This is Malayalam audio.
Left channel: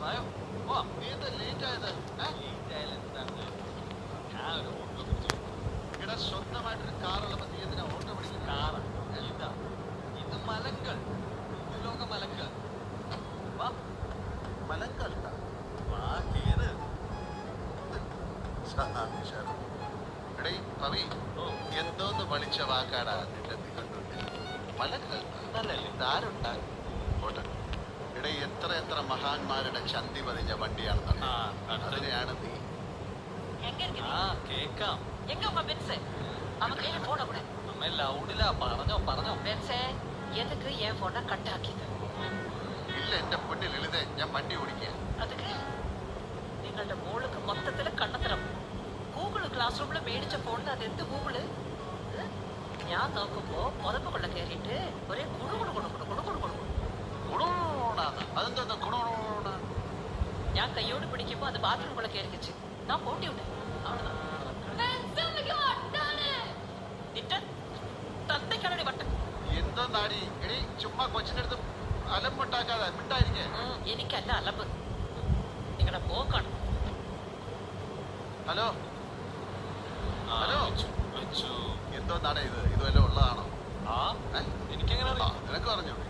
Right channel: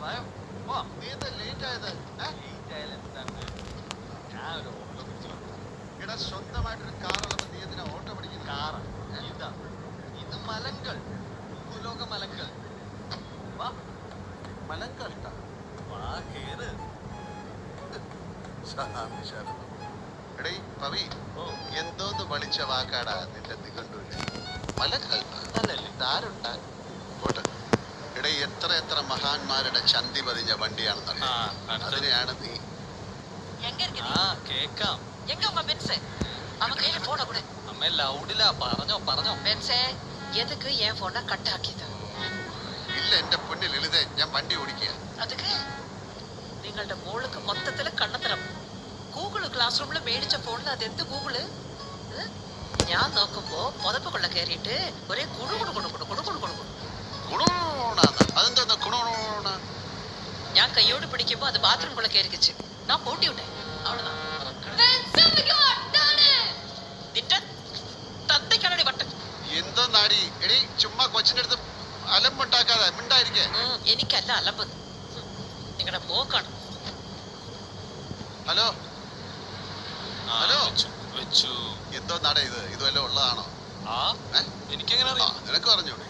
നീ എന്താ ലേറ്റ് ആയത്? ഞാൻ ഒരു ഓട്ടോ പിടിച്ചു. ഇവിടെ സ്വന്തമായിട്ടൊരു കാറുള്ളപ്പോ നീ എന്തിനാ ഓട്ടോ പിടിക്കും? കാറാ ഇതാ, ഇത് മലങ്കൾ, ഭൂലോക മലങ്കൾ. വാ മലങ്കൾ, വാ കേറ്. എടീ പവി, എന്തോന്ന് പണിച്ച വാക്കാടാ നിന്റെ നിഘണ്ടുവില്? മലങ്കൾ അതല്ലേ ഇതാരുണ്ടാ? പോട്ടെ. എടേ, എത്ര എത്ര മഹാന്മാരുടെ ചന്തി പതിഞ്ഞ വണ്ടിയാണെന്നറിയാം. അതിനെയാണ് നീ. കേക്കാം. ഇല്ല എന്റെ പൊന്നിൽ എഴുതേ, ഞാൻ വണ്ടി ഓടിക്കുക. നിങ്ങളുടെ മോൾക്ക് മൊത്തത്തില് കണ്ണത്തരം. ഗൂഗിള് ക്ലാസ് റൂമില് മേടിച്ച ഫോണിൽ അതെന്ത് ഗൂഗിള്? ഞാൻ നോക്കുമ്പോ പുതപ്പുകൊള്ള കേറിയിട്ട് ഒരേ കുണുകുണു കുണുകുണു കുണുകുണു കുണുകുണു. ഞാൻ കയ്യോട് പിടിക്കുമ്പോ അത് ബാത്റൂമുള്ള കേറിക്കിച്ച് ഞാൻ പോട്ടി വിട്ടെ. തത്തയ്ക്കാണടി വട്ടം. എന്തോ നാടി എടി, ചുമ്മാ കൊച്ചിന്റെ അടുത്ത് അലമ്പുണ്ടാക്കാതെ മിണ്ടായിരിക്കേ. എനിക്കല്ല അലമ്പ്, നിങ്ങളുടെ പോക്കാണ്. ഹലോ ഹലോ, എന്തോ നാടേ ഇത്? ഇതുവല്ലോ ഉള്ളതാണോ? എനിക്കെങ്ങനെ നിനക്ക് പറഞ്ഞൂടെ?